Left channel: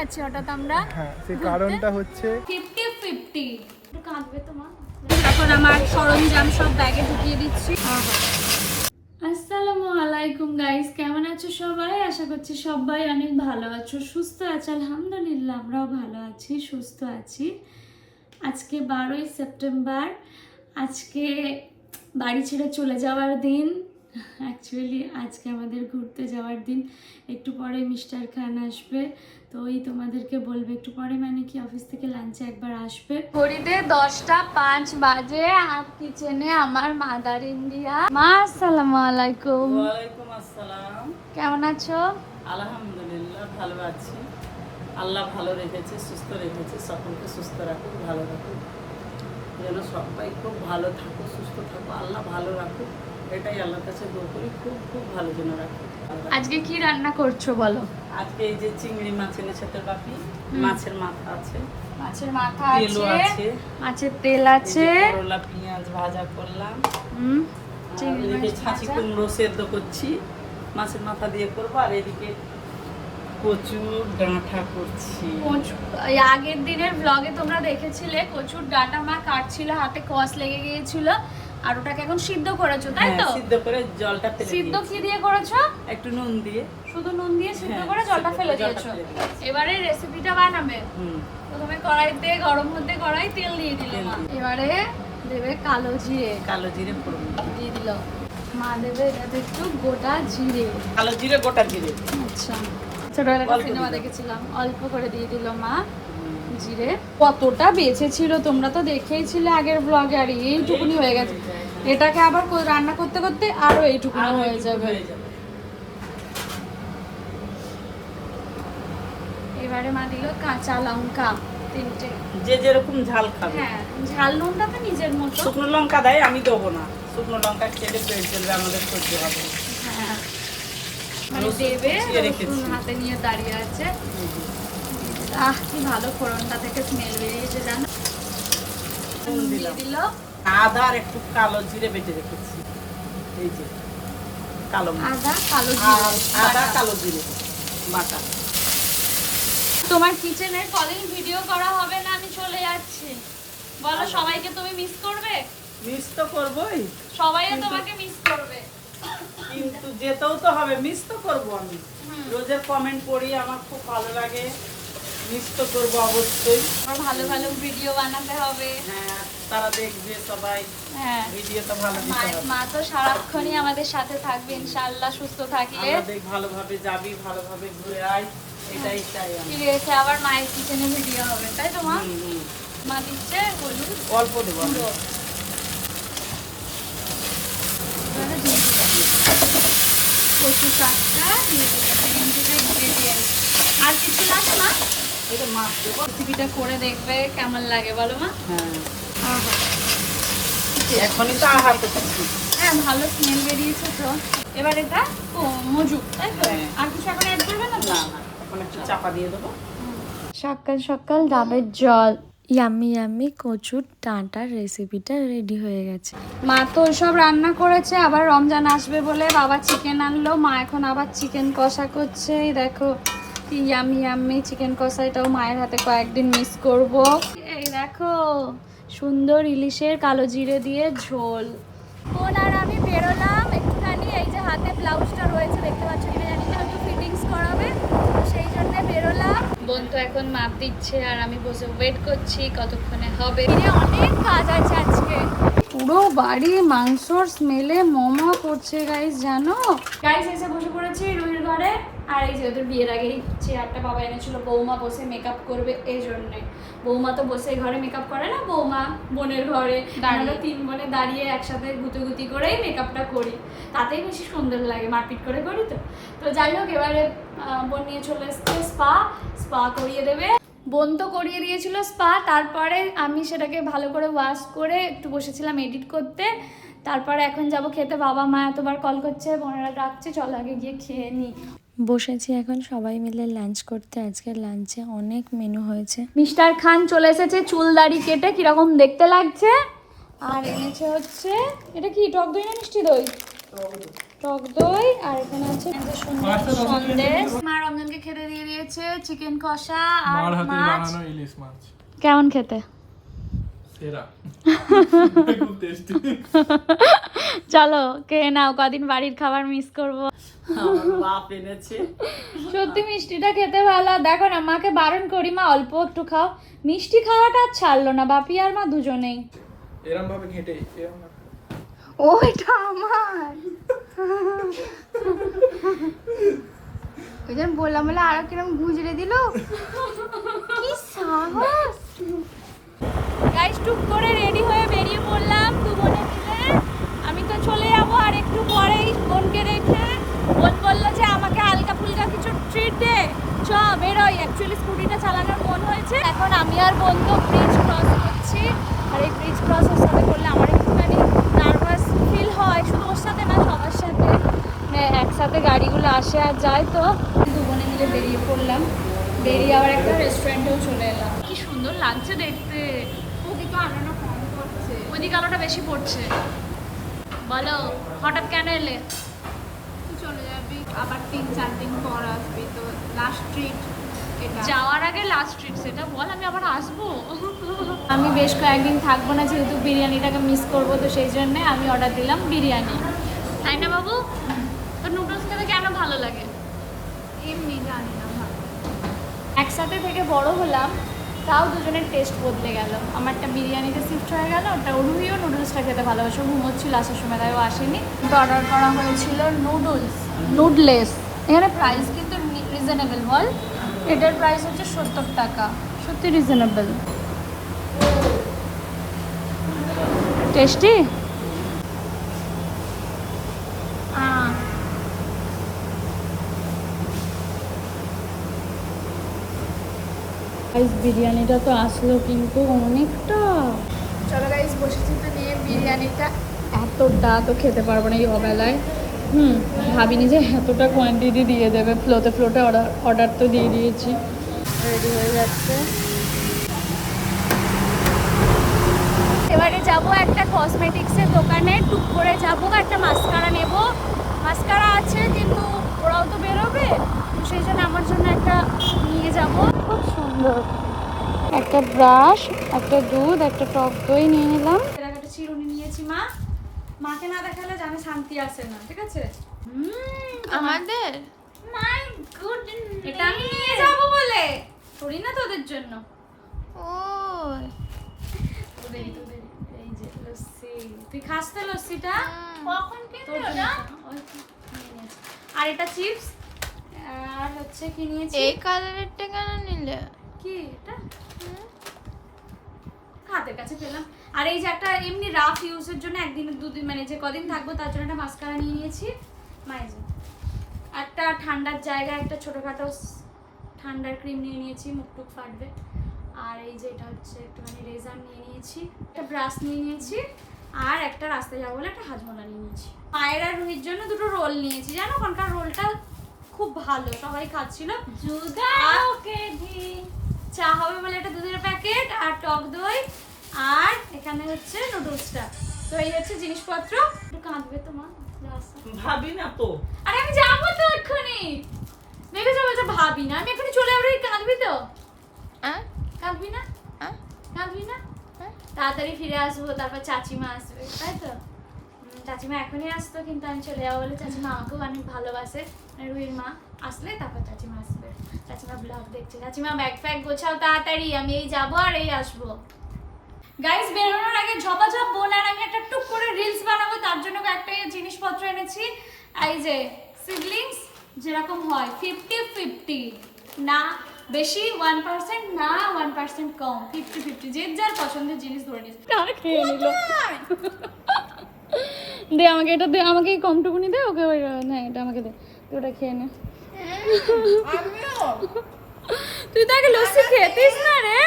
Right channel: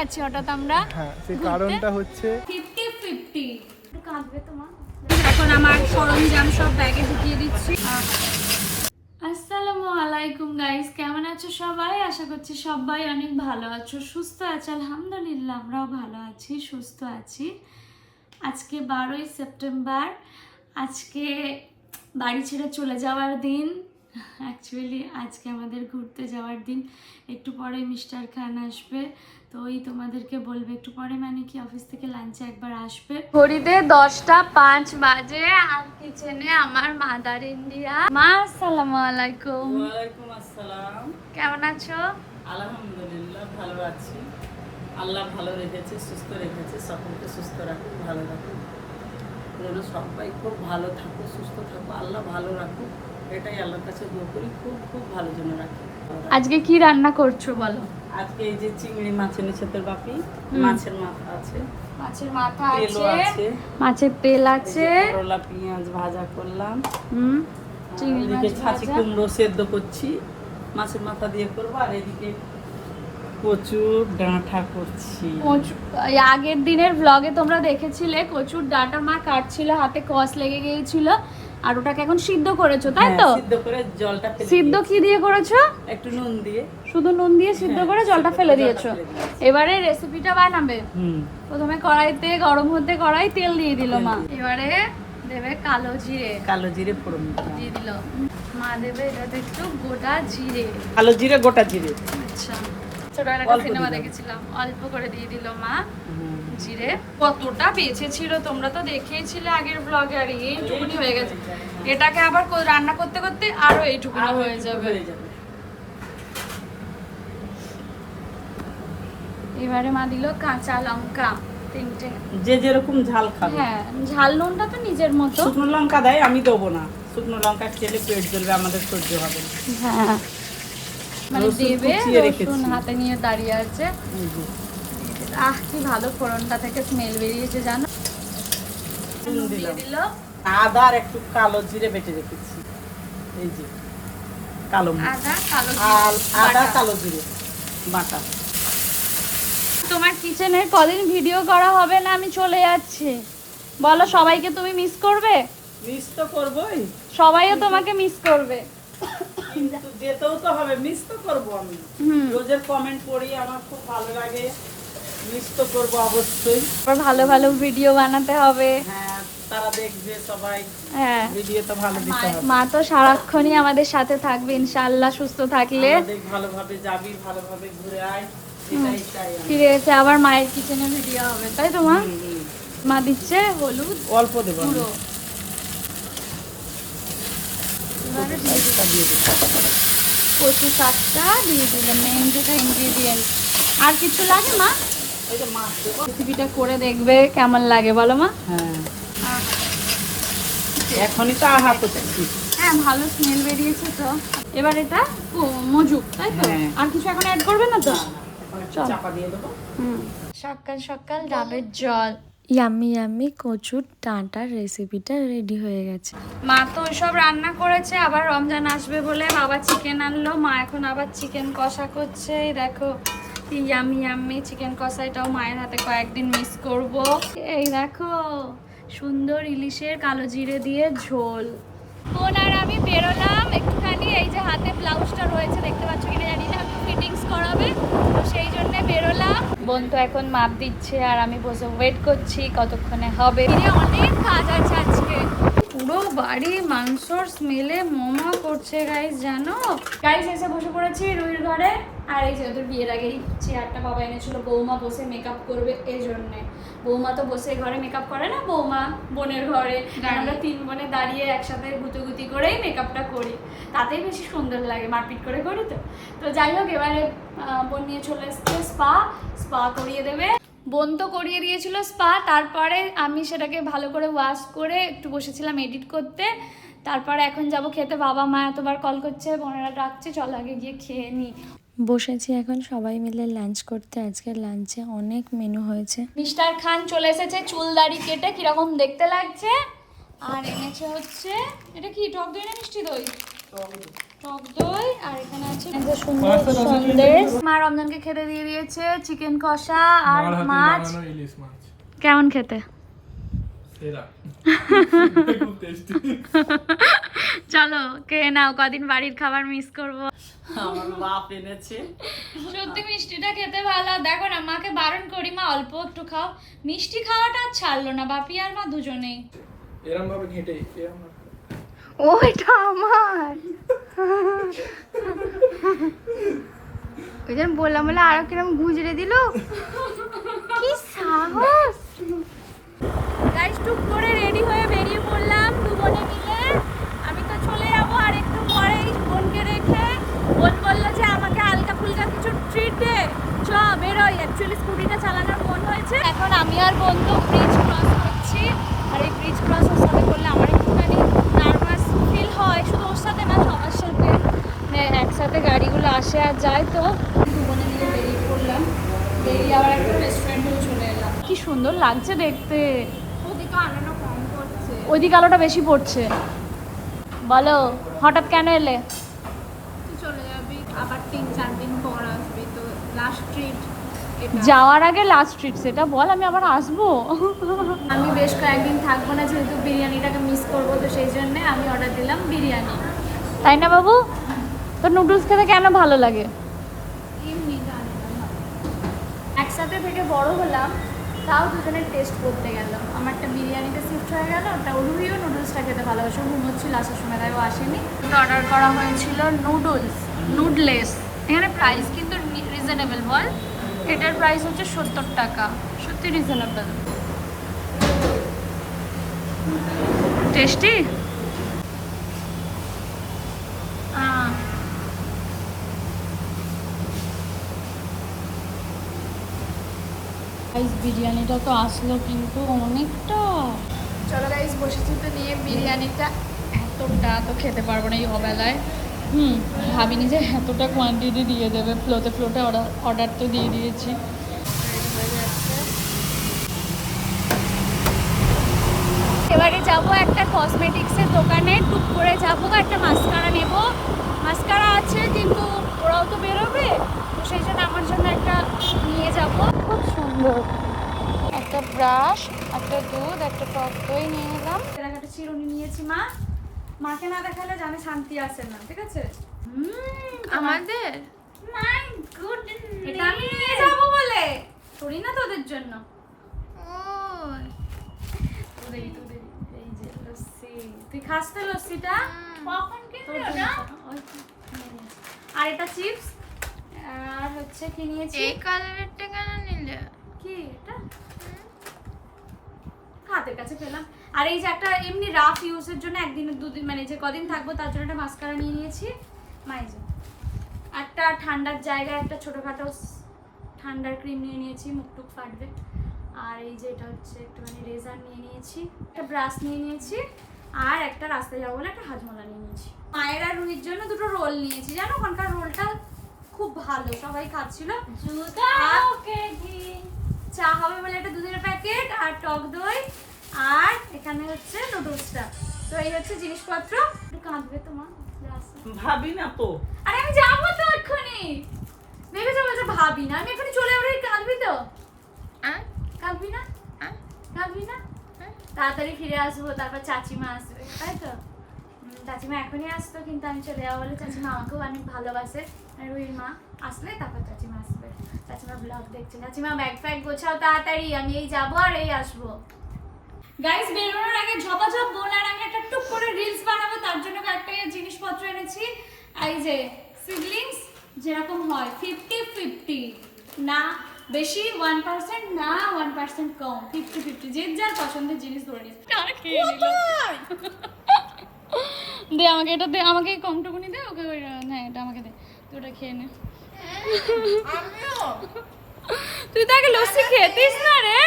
যাচ্ছি হঠাৎ আমরা। হ্যাঁ সেই কারণটা হচ্ছে ফিফটি ফিফটি। কাঁদবে তোমার? এখন আমার সরঞ্জাম সব ব্যাগে ঢুকিয়ে দিচ্ছি। আসসালামু আলাইকুম গাইস কেমন আছো সবাই? আশা করছি সবাই অনেক ভালো আছো। সুস্থ আছো আলহামদুলিল্লাহ আমরাও ভালো আছি সুস্থ আছি। আজকে বারোই সেপ্টেম্বর। আজকে বাড়ি ছেড়ে চলে যাওয়ার দিন। অ্যাকচুয়ালি আজকে আমাদের ঘুরতে যাওয়ার দিন। একটু পরে মিস্টার খান আসবে। তো ওই তোমাদেরকে বলবে একটু পরে মানে কি অফিস থেকে লাঞ্চে একবার আসবে। ঘড়িতে দশটা পাঁচ বাজে আর কিচেনে আমার মাদার ইন্ডিয়া মা আসসালামু আলাইকুম। ওয়ালাইকুম আসসালাম। কেমন আছো? আলহামদুলিল্লাহ ভালো আছি। আল্লাহ ভালো রেখেছে সুস্থ রেখেছে সকলকে সুস্থ রাখুক ভালো রাখুক। যেন সবাই খুব ভালো থাকো সুস্থ থাকো আল্লাহ ভালো রাখুক। এটাই আল্লাহর কাছে দোয়া করি। খুব খুব ভালো যেন রাখুক আজকে কি রান্না করছ বলো? আজকে এই যে চিংড়ি মাছ এনেছে তেল বাপি। মাছের মাথা আছে। মাছের মাথা আছে। মাছের তেল আছে। করলা পেঁয়াজ ভাজা করলাম। হুম চিংড়ি ছাঁচি কুমড়ো সেদ্ধ করছি। মাছের মাথা দিয়ে করব। আর এদিকে কচু ডাঁটা করছি। কচু এই আগের দিনের ব্লগে তোমরা দেখেছিলে কচুর ডাটা মা কাটছিল হাতে কস লেগে গিয়েছিল। আর ওটাকে এখন সিদ্ধ করেছ তাই হ্যাঁ, তো? সিদ্ধ করে জলটা ফেলে সিদ্ধ কি দিয়ে করেছ? একটু নুন দিয়ে। শুধু নুন দিয়ে সিদ্ধ হ্যাঁ, করে জলটা ফেলে দিয়েছ। এবারে রেসিপিটা বানাবে। প্রথমে কড়াইতে গরম হতে কড়াই তেল দিয়ে দিল মা। এবারে দেবে কালো জিরে। কালো জিরে ফোড়ন দিয়ে। দিল। মা দেবে এটাতে একটু গোটা জিরে। কালো জিরে গোটা জিরে। আচ্ছা। ছোটবেলায় সিনেমা দেখেছিলাম। অল্প করে দিয়ে দিল মা। জিরে কতটা বেঁচে ছিল তোমরা তো দেখেইছিলে আগের ব্লগে আর এইটুকুনি হয়ে গেছে। এটাকে আবার রান্না করতে করতে আরও এইটুকুনি হয়ে যাবে। এবারে মা দিল কাঁচা লঙ্কা তিনটে। যে যেরকম ঝাল খাবে। হ্যাঁ ঝাল নুনটা তো নিজের মতো। শুকনো লঙ্কা দেয় আমি দেবো না। শুকনো লঙ্কা খেলে পেট জ্বলবে আমাদের সহ্য হবে হ্যাঁ। মানে দেবে। রসুন হাতে নিয়ে দাঁড়িয়ে আছে। আহ কি ভালো ফোড়নটা থেকে স্মেল বেরিয়েছে জানো? দিয়ে দিল। আদা আর একটু কালো জিরে বেটে রেখেছি। এই যে কালো আদা কালো জিরে আদা কালো জিরে বাটা। তোমার কিচেনের কলিং ভিডিও করা হবে না আমি চলে যাচ্ছি। বলো সবাইকে তুমি মিস করবে? মিস তো করবোই। সবাইও তোমাকে মিস করবে। কিন্তু যেতেও তো হবে মিস তো করব আমি। রোজের কমেন্ট পড়ি আমার খুব ভালো লাগে। মিস তো করব অবশ্যই। ভালো ভালো ভিডিও বানাতে হবে। হ্যাঁ তারা দেখবে সবাই। হ্যাঁ। ভিডিও তো ভালো মা- তো সারাক্ষণই আমাদের সাথে থাকবে ইনশাআল্লাহ সুস্থ থাকলে। আমাদের ভালোভাবে যাবি ভালোভাবে ঘুরে আয়। এটাই চাই ফিরে এসে আবার মায়ের কিচেনে ভিডিও হবে তাই তো মা? হুম, হুম। মা দিচ্ছে হলুদ অল্প দেবো। গুঁড়ো। এবারে দিয়ে দেবো কচু শাকটা দিয়ে দেবেন যেটা আর কিছু লাগবে মা? এই তো মাছ দেবো রেসিপিটা করে দেখবে কেমন লাগে বলো মা? হ্যাঁ। এখনই তো হ্যাঁ ভালো স্মেল বেরিয়েছে তো। এবার এটা মজুক তাই তো? হ্যাঁ। আর কিছু এখন অ্যাড করবে না তো? চাপা দিয়ে দেবো। সকাল সকাল ডাবের জল। ইয়াম্মি ইয়াম্মি কচুর ডাঁটার রেসিপিটা রেডি হয়ে গেছে। মা তো ওইসব রান্না করেছে আবার রমজান আসবে বলে বাবা চিকেন আনলো। মা এখন আবার চিকেন কষা করছে দেখো। কি ইয়াম্মি ইয়াম্মি চিকেন কষা, এটাও মায়ের হাতে কয়েকদিন মিস করব। এই দেখো, সুন্দর ইলিশের কালো জিরে দিয়ে ঝোল। বোন, আর আমি বেরোলাম একটুখানি, এই যে হাতে ব্লাউজটা রয়েছে, দেখতে পাচ্ছ কিনা জানি না, একটু ফিটিংস করাবে। তো সেই জন্য বেরোলাম। বোন তো এখন মাপ দিচ্ছে, আর আমি বসে ওয়েট করছি কতক্ষণে হবে। অনেক কাজ আছে আজকে। পুরো বাড়ি মাংসর স্মেলে মোমো করছে গাইস জানো? গাইস এসে বসে পড়েছি রুইর ঘরে। আর এই যে ওদের বিয়ের আগেই চেয়ারটা বাবা এনেছিল বৌমা বসে মেকআপ করবে এই জন্যে বৌমা তো বসে ঘরে মেকআপ করে না বৌমা বোনের ঘরে। আমরা তিন বোনে দাঁড়িয়ে একসাথে গুতুগুতি করেই মেকআপটা করি। তাতেই বেশি সুন্দর লাগে মারপিট করে করি তো। তো যাই হোক এবারে বোন নিয়ে চলে এসছে স্পা স্পা করিয়ে দেবে। বোন তো করিয়ে দিয়েছিল স্পা তারপরে আমি সেটাকে ভালো করে ওয়াশ করে একটু বসেছিলাম এডিট করতে। তারপরে এখন যাব খেতে বাবা মা এতবার কল করছে বোনেরা ডাকছে চল আগে গিয়ে খেয়ে নিই বসেছি এখন সবাই মিলে লাঞ্চ করতে। আজকের লাঞ্চে অনেক মেনু হয়েছে। মিস্টার খান চলে এসেছে চুল দাড়ি কেটে কীরকম দেখতে লাগছে? আর এনেছে হচ্ছে এটা কি টক দই না মিষ্টি দই? টক দই আর এখানে আছে সুন্দর সন্দেশ। মা রমজানকে খেতে দিয়ে দিয়েছে চিকেন কষা আর মাছ। বানানো ইলিশ মাছ। কেমন খেতে? চলো কে নাও কদিন বাড়ির খাবার মিস করব। আমার বাপ এনেছে। সত্যি মিষ্টিটা খেতে ভালো। দেখো না মাকে বারণ করি মা অল্প একটু খাও। মিষ্টি খাওয়াটা আর ছাড়লো না বাপি আর মা দুজনেই। এরম ভাবে ঘেটে। ওইটা আমার। ওই জন্য বললাম বলে আরও কিরম গুজরে দিল? কি সাহস। গাইস টুক করে রেডি হয়ে বেরিয়ে পড়লাম দু বোনে মিলে। আমি তো চলে যাব আর একটু পরেই। বোনকে রেখে বোন বলল যে, আমাকে হালকা ফুলকা কিছু ট্রিট দে। চ, বেরোই। অ্যাকচুয়ালি স্কুটিটা চালানোর মন হয়েছে। এখন আমি আর বোন তো ব্রিজ ক্রস করছি। আর এই ব্রিজ ক্রস ওর সাথে করলে আমার একটুখানি নার্ভাস ফিল হয়। শুধু ওর সাথে না, সবার সাথে। মানে একসাথে গাড়িগুলো আসে আর যায় তো। দু বোনে মিলে বেরিয়ে পড়লাম। বেরিয়ে আবার একটা রেস্টুরেন্টেও চলে এলাম। কি সুন্দর লাগছে দেখতে। ওদিকে আনানো কম করছে ওইদিকে আলোটা বেশি পড়ছে। বলো হঠাৎ কেন এলে? তুই চলে যাবি আবার তিন চার দিন পর আসবি তো লাস্ট ট্রিট যাওয়ার আগে লাস্ট ট্রিপ সেটা বল আমি আবার আসব। আমি বেশ কয়েকদিন থাকব না যেহেতু বিরিয়ানিটাকে মিস করব তো সেই জন্য আমি অর্ডার দিলাম বিরিয়ানি। তাই না বাবু? তো নুডলস খেতে কেন ভালো লাগে? এমনি জানি না ভালো। একসাথে থেকে বড় হলাম তাও দুজনের টেস্ট বদলে গেল। আমারটা বিরিয়ানিতে শিফট হয়ে গেল, ওটা রুহিও নুডলসটা খেতে ভালোবাসে। ঘুমোচ্ছিল, আসার সময় তাই ও আসেনি অর্ডার করা হয়েছিল নুডলস নুডলেস এখানে প্রাইস কিন্তু রিজনেবল বল। এটার প্রাইস হচ্ছে সত্তর টাকা। সত্যি রিজনেবল টেস্টি বিরিয়ানিটা তো আসলো কিন্তু অনেকটা। চলো গাইস বসেছি তো নিয়ে বিরিয়ানিটা এতটা তো খেতে পারব না এই অবেলায়। হুম ভাবিনি যে এতটা কোয়ান্টিটি দিয়ে দেবে। ফ্লোতে ফ্লোতে অর্ডার অর্ডার তো দিয়ে দিয়েছি। রেডি হয়ে যাচ্ছে। এবারে যাব একটা কসমেটিক্সের দোকানে টুক করে যাব একটা মাস্কারা নেব। মাস্কারা আছে কিন্তু ওরাও তো বেরোবে। তো সেই জন্য আমার জন্য একটা নিয়ে যাব। একটা ব্রাশ একটা দুধ একটা টক দই নিয়ে নিলাম। একটা চিরুনি নিয়েছি মা। মাকে না দেখালে জানে শান্তি আসে না ঠিক আছে? আমাদের? এটা আমি নিয়ে যাব বলে। থোড়ি না তোদের জন্য। ও তুই খাস তো লস্যিটা। আর এটা চিপস? আর হচ্ছে কি নিয়েছি? এই কালারেরটা কি এটা? হাতের কাছে পেলাম। আর এই যে একটা এমনি রাফ ইউজের জন্য একদিন দুদিন মানে যে কদিন থাকব তার জন্য একটা মাস্কারা নিয়ে নিয়েছি। মাইজে একটা ঠান্ডার জায়গায় একটা ছোটোখাটো ঠান্ডার ক্রিম নিয়ে নিয়েছি মুখ টুক ফাটবে। আর এই যে এটা হচ্ছে একটুখানি রেজার নিয়ে নিয়েছি একটা ব্রাশ নিয়ে নিয়েছি আর একটা রাস্তায় যাব বলে একটা হাজমোলা নিয়ে নিয়েছি। মায়ের আর রুহির জন্য দুটো রোল নিয়েছি। জানো ওখানকার রোলটা খুব ভালো সবাই খাচ্ছিল আর চা হবে বলে একটা দুধের প্যাকেট আর টক দই আর এখানে হচ্ছে নুডলসটা। তো এই হচ্ছে জিনিসপত্র। একটু কাঁদবে তোমার? ভাবি না তো। আরে আমি যাব তো এক্ষুনি। ভেবেছো বলছো ভাবি না। আমি এক্ষুনি চলে যাব। কাঁদবি তো। কাঁদবি না? আর? কাঁদবি না? হ্যাঁ। তাড়াতাড়ি ফিরে আসব তারপর চাচিমা আসবে তাই তো? চাচিমা এখনই আসতো কিন্তু আমি চলে যাব বলে চাচিমা আমাকেও অনেক ভালোবাসে। আর রুহির মা আসলে তারপর চাচিমা আসবে। চাচিমা ব্লগ দেখছে চাচিমা ব্যাগ ফ্যাগ গোছাও তাড়াতাড়ি, আমি এই যাব আর এই আসব। গাইস বেরোনোর আগে ঝপাঝপ বোন আর আমি একটা টুক করে রিলস বানাবো, তার জন্য কয়েকটা জিনিসপত্র এনেছি। এই যে সিবলিংস যেরকম হয় ফিফটি ফিফটি না, বেশি ওয়ান পার্সেন্ট না ওয়ান পার্সেন্ট কম ফিফটি ফিফটি যে যার পছন্দের জিনিস ধরে নিস খেয়ে নিল? দে আমাকে, এটা দে, আমাকে কমটুকুনি দে, ওকে ওই হ্যাঁ এটা আমাকে দে, তুই ওটা খেয়ে নে। তুই তো আগে লস্যি খেতিস না রে।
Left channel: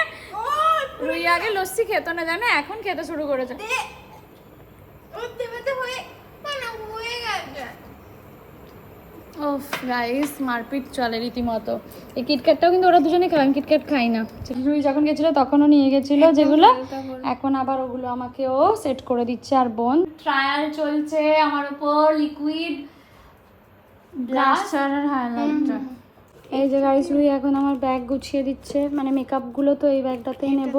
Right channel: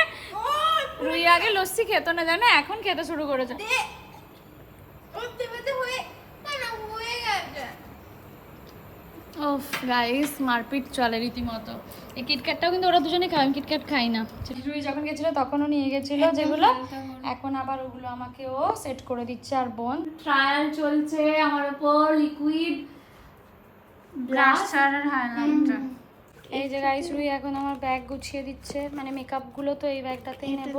রুই আগে লস্যি খেতো না জানে? এখন খেতে শুরু করেছে। উঠতে পেতে হয়ে না হয়ে গেছে ও গাইস মারপিট চলে রীতিমতো। এই কিটক্যাটটাও কিন্তু ওরা দুজনে আমি কিটক্যাট খাই না। রুই যখন গেছিল তখনও নিয়ে গেছিল যেগুলো। এখন আবার ওগুলো আমাকে ও সেট করে দিচ্ছে আর বোন। ট্রায়াল চলছে আমার ওপর লিকুইড ব্লাস্টার হাইলাইটার এই যে গাইস রুই এখন আমার ব্যাগ গুছিয়ে দিচ্ছে। মানে মেকআপগুলো তো এই ব্যাগটাতেই নেব।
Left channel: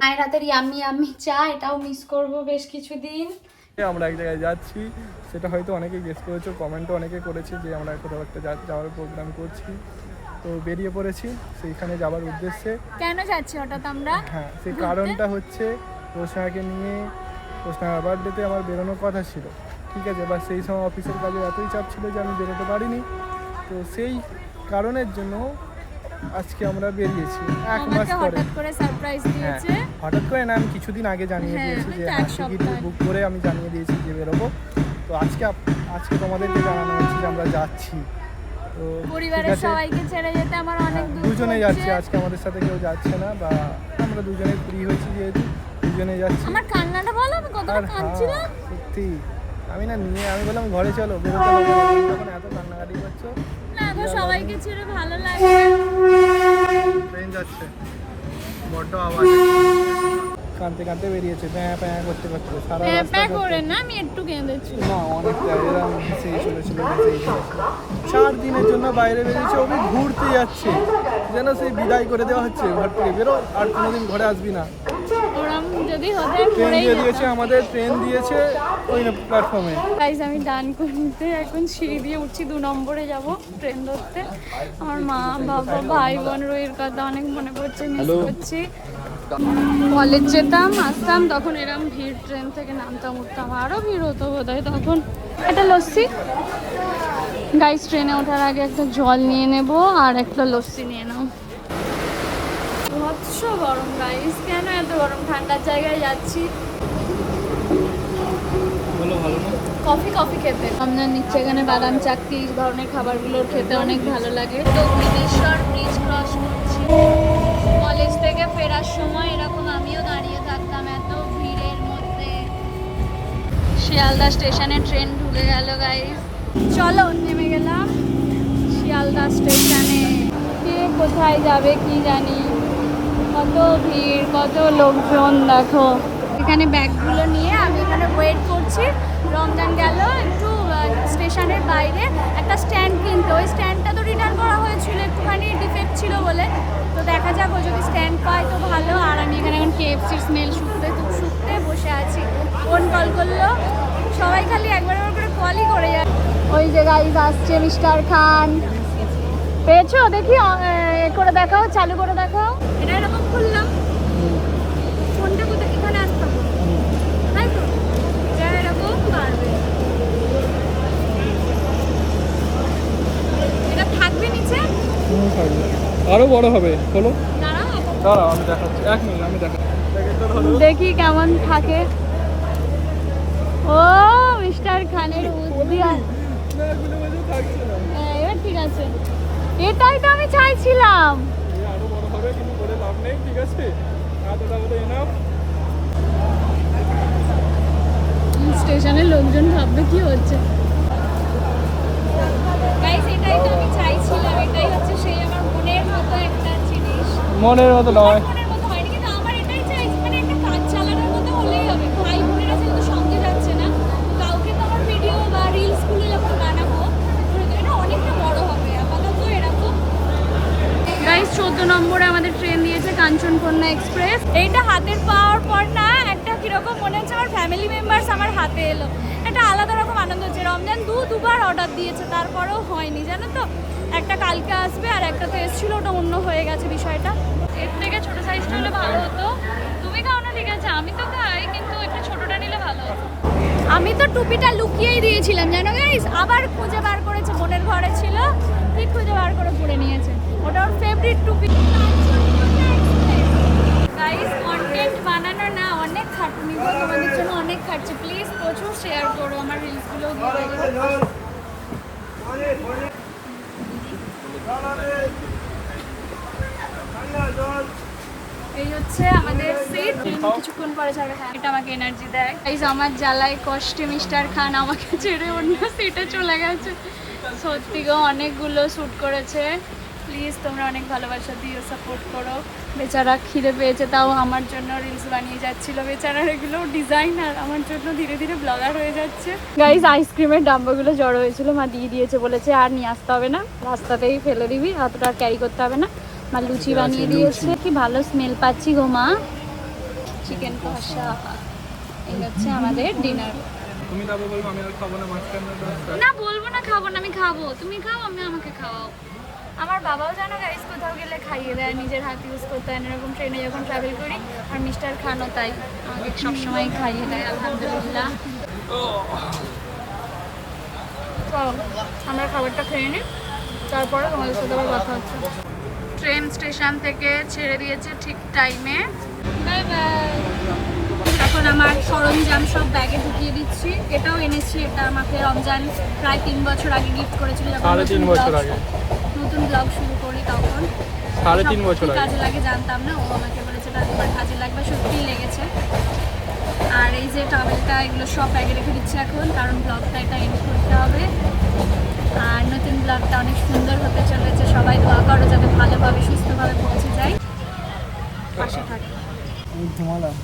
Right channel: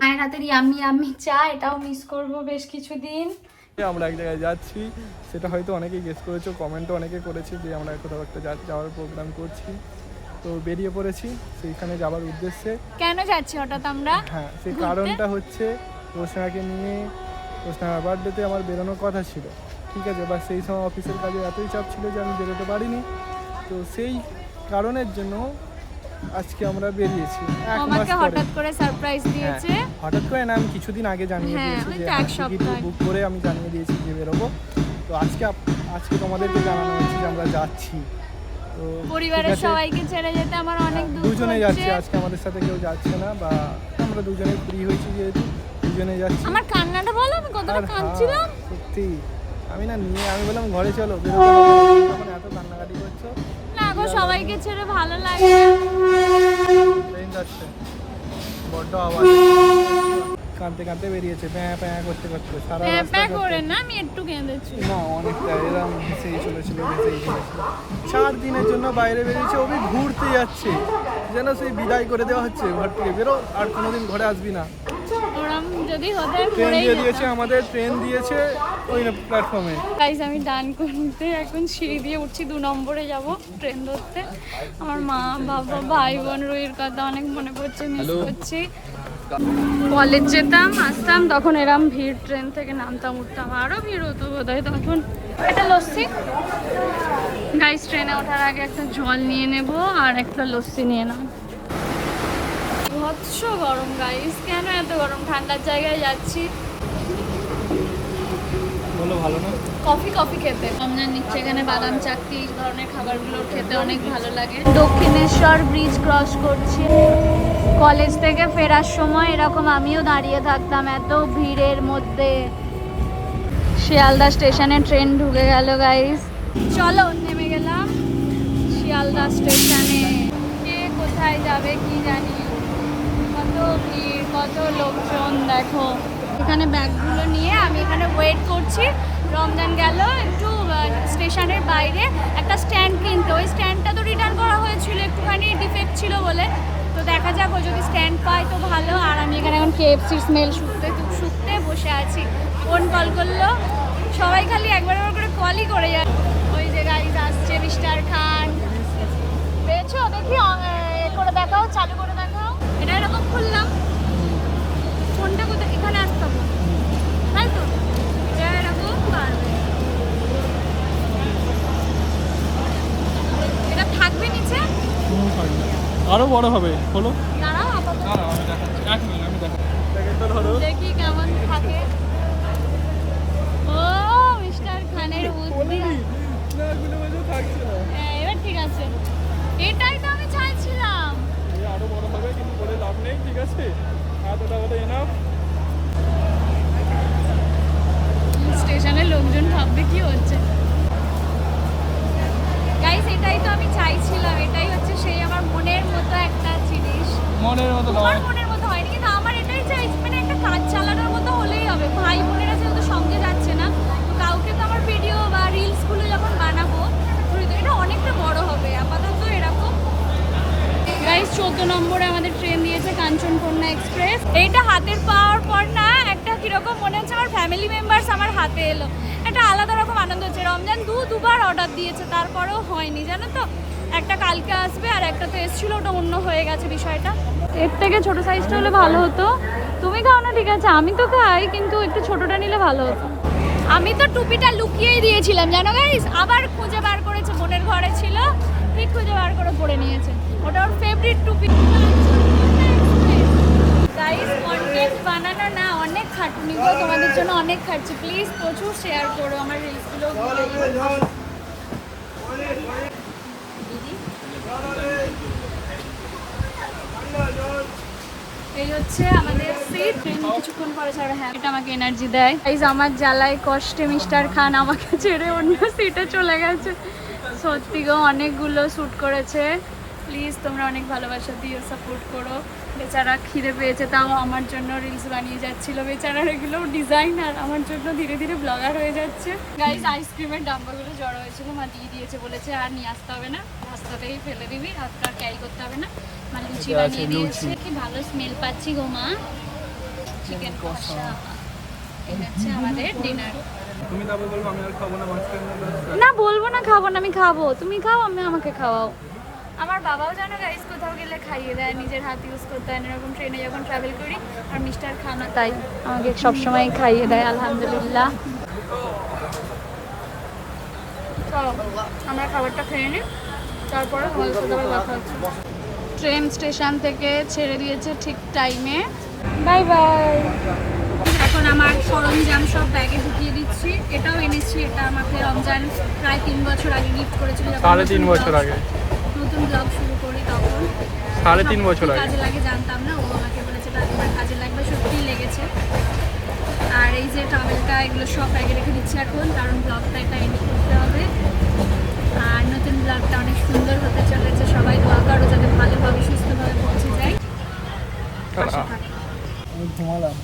মায়ের হাতের ইয়ামি ইয়ামি চা এটাও মিস করব বেশ কিছুদিন। আমরা এক জায়গায় যাচ্ছি। সেটা হয়তো অনেকেই গেস করেছ কমেন্টও অনেকে করেছে যে আমরা কোথাও একটা যা- যাওয়ার প্রোগ্রাম করছি। তো বেরিয়ে পড়েছি সেইখানে যাওয়ার উদ্দেশ্যে। কেন যাচ্ছি হঠাৎ আমরা? হ্যাঁ সেই কারণটা হচ্ছে রোশনাকে নিয়ে রোশনার বার্থডেতে আমার বেরোনোর কথা ছিল। ঠিক আছে বা সেই সময় অফিসের কাজে এতই চাপ ছিল যে আমি বেরোতে পারিনি। তো সেই কারণের জন্য আজকে আমরা বেরিয়েছি। এক মাস পরে। হঠাৎ করে সারপ্রাইজ হ্যাঁ দিয়েছে। হঠাৎ করে না আমি কিছুদিন আগে জানিয়ে হ্যাঁ, দিয়েছি যে টিকিট বুক করে আমি জানিয়ে দিয়েছি যে বেরোবো। তো আজকে আজকে তোমাদেরকে জানানো হচ্ছে যে আমরা যাচ্ছি। তো পরিবারের সবাইকে ছেড়ে যেতে আমার অনেক হ্যাঁ, দুজনে হচ্ছে। যাচ্ছি আজকে আমাদের সাথে কেউ যাচ্ছে না বা আমরা দুজনে ফ্রি হয়েছি যেহেতু দুজনে যাচ্ছি। আমার কান্নাটা বলো আমি কতটা কাঁদছিলাম। সত্যি। আমি না নিয়ে আমি বললাম ঘরে চলো বেরোতে হবে না। যখন এত কান্নাকাটি করছ না গো সবাইকে ছেড়ে ভালো লাগে ট্রেন যাচ্ছে। বড্ড আওয়াজ। কাঁদতে কাঁদতে বেরিয়েছে। প্যাঁ প্যাঁ করতে করতে সারা প্যাঁ রাস্তা করে না আমি একটু কেঁদেছি। না অনেকটা এরম ভেসেই চলেছিল ভেসেই চলেছিল। চার দিনের জন্য বাইরে বেরিয়েছে ওকে ঘুরতে যাচ্ছে। যেন সেই বিদায় করে দেওয়া হচ্ছে ঘর থেকে বেরো আর কোনোদিন ঘরে আসবি না। যদি হতে ট্রেন দিয়ে দিয়েছে আমাদের ট্রেন দিয়েছে ওই প্ল্যাটফর্মে গাইজ আমি ডান করতে এখন সিঁড়ি দিয়ে উঠছি দু নম্বরে যাব ট্রেন ধরতে। আমার মা বাবা ভাই বোন রুইয়ের কথা অনেক মনে পড়ছে মিস করছি। কলেজ যেতাম আসতাম তখন এরম ভিড় ট্রেন থেকে নামতাম উঠতাম আরও ভিড় হতো বোধ হয় তখন। এটা লস্যি। গাইজ ট্রেনে ওঠার আগে একটা জল নিয়ে নেব আর একটা লস্যি নিয়ে নাও। ভৎস গরম গাইস কেন এত গরম? ঠান্ডার জায়গায় যাচ্ছি। কফি কফি খেতে। রমজান নিচ্ছে এখানে বাদাম চাকতি এই ধরনের খাবারগুলো খেতে অনেক ভালো লাগে। দক্ষিণেশ্বর ব্রিজ ক্রস করছি। কলেজ থেকে ফেরার সময় এরকম আমিও দাঁড়িয়ে থাকতাম এত ভিড়ের মধ্যে। শিয়ালদা স্টেশনে ট্রেন ঢুকে গেল গাইস চলো নেমে গেলাম শিয়ালদা স্টেশনে। কে কোথায় যাবে কি জানি। ভিড়, কত লোকজন, দেখো। এখানে ব্যাগগুলো নিয়ে আমি এখানে ওয়েট করছি। রমজান গেল, একটু স্টেশনের বাইরে একটা স্ট্যান্ড কিনতে। ওই স্ট্যান্ডটা তো রিটার্ন করা হয়েছিল, একটুখানি ডিফেক্ট ছিল বলে। তো দেখা যাক, ও যদি স্ট্যান্ড পায় তো ভালো। আর আমি এখানে এখন কেএফসির স্মেল শুকতে খুব শুকতে বসে আছি। ফোন কল করল। সবাই খালি একবার একবার করে কলই করে যায়। ওই যে গাইজ আসছে মিস্টার খান। পেয়েছ? দেখি করে দেখাও, চালু করে এরকম খুললাম। ফোনটা কোথায়? এখানে আসতে হবে। তাই তো? এরকম পারবে। এটা থাকবে নিচে? আরও বড় হবে। বলো দাঁড়াও আমি দেখাচ্ছি। এক মিনিট আমি দেখাচ্ছি। দেখি কেমন থাকে। ও মিস্টার খানের বুদ্ধি। হ্যাঁ, এবার ঠিক আছে। এটাই তো আমি চাইছিলাম। লাভ নেই ঠিক আছে? এতটা বলে এনাফ স্টেশনে লোকজন ভাববে কি হচ্ছে। মনের মতো তো আমার এলো একটা আলাদা রকম আনন্দ হচ্ছে। রমজান দু দুবার অর্ডার দিয়েছে, তারপরেও হয়নি জানো তো? একটা কালকে আসবে আর একটা তো এসেছিল, ওটা অন্য হয়ে গেছে বিষয়টা। এর থেকে ছোটো সাইজটা হলে ভালো হতো। তুমি খাও না, ঠিক আছে? আমি তো খাই, কিন্তু একটু ছোটোটা নিলে ভালো হতো। আমি তো টুপিটা লুকিয়েই দিয়েছিলাম, জানো গাইস আবার খুঁজে বার করেছে, বোনের ঘরে ছিল। ঠিক খুঁজে বার করে পরে নিয়েছে। ওটা ওর ফেভারিট টুপি। গাইস কন্টেন্ট বানানো না, অনেক খাটনি গো, তোমাদের জন্য অনেক খাটছি। প্লিজ প্রচুর শেয়ার করো, আমার রিলসগুলো এই হচ্ছে আমাদের কিছুক্ষণ পরে হ্যাঁ আমাকে এনার্জি দেয়। এই আমার জ্বালায় কষ্টে মিস্টার খান আমাকে ছেড়ে অন্য সিটে চলে গেছে। সত্যি গো, অনেকগুলো শ্যুট করেছে। প্লিজ তোমরা অনেক ভালোবাসা দিও সাপোর্ট করো। বেচারা খিদে পেয়েছে তাও আমার জন্য রিলস বানিয়ে যাচ্ছিল। বেচারার এগুলো ডিজাইনার আমার জন্য ধীরে ধীরে ব্লগার হয়ে যাচ্ছে। গাইজ আইসক্রিমের ডাব্বাগুলো জড়ো হয়েছিল মা দিয়ে দিয়েছে বলেছে আর নিয়ে আসতে হবে না রাস্তাতেই ফেলে দিবি অতটা ক্যারি করতে হবে না। মা লুচি বানিয়ে দিয়েছে। কি ভালো স্মেল পাচ্ছি গো মা। চিকেন কষা। এই হচ্ছে আমাদের ডিনার তুমি তারপর বলব আমি আর খাব না মাঝখানে না বলব না খাব না আমি খাব। তুমি খাও আমি আমাকে খাওয়াও। আমার বাবাও জানো গাইস কোথাও গেলে খাইয়ে দেয় নিজের হাত ইউজ করতে হয় এরকম ট্রেনে যখন ট্রাভেল করি আর মিস্টার খানা তাই আমাকে সবসময় খাইয়ে দেয় আলহামদুলিল্লাহ। আমরা খাবারটা খেয়ে নিই তারপরে তোমাদের সাথে আবার কথা হচ্ছে। ট্রেন স্টেশন থেকে ছেড়ে দিয়েছে ঠিক টাইমে বাই বাই এখন আমার সরঞ্জাম সব ব্যাগে ঢুকিয়ে দিচ্ছি। এটাও এনেছি এটা আমাকে রমজান প্রায় তিন বছর আগে গিফট করেছিল সাড়ে তিন বছর আগে। নতুন ব্লগ শুরু করি তখন। সাড়ে তিন বছর আগে। কাজে লাগে জানতাম না। ও আমাকে বলেছে এটা কাজে লাগবে? সত্যিই লেগেছে। আর এই যে টাওয়েলটা এগুলো সব ব্যাগে রেখে দিচ্ছি এখন কারণ ব্লগটা এটা এডিট করতে হবে। আর নতুন ব্লগটা অনেক সুন্দর হতে চলেছে। সবাই দোয়া করো যাতে ভালোভাবে সুস্থভাবে পৌঁছে যায়। ঘুমালাম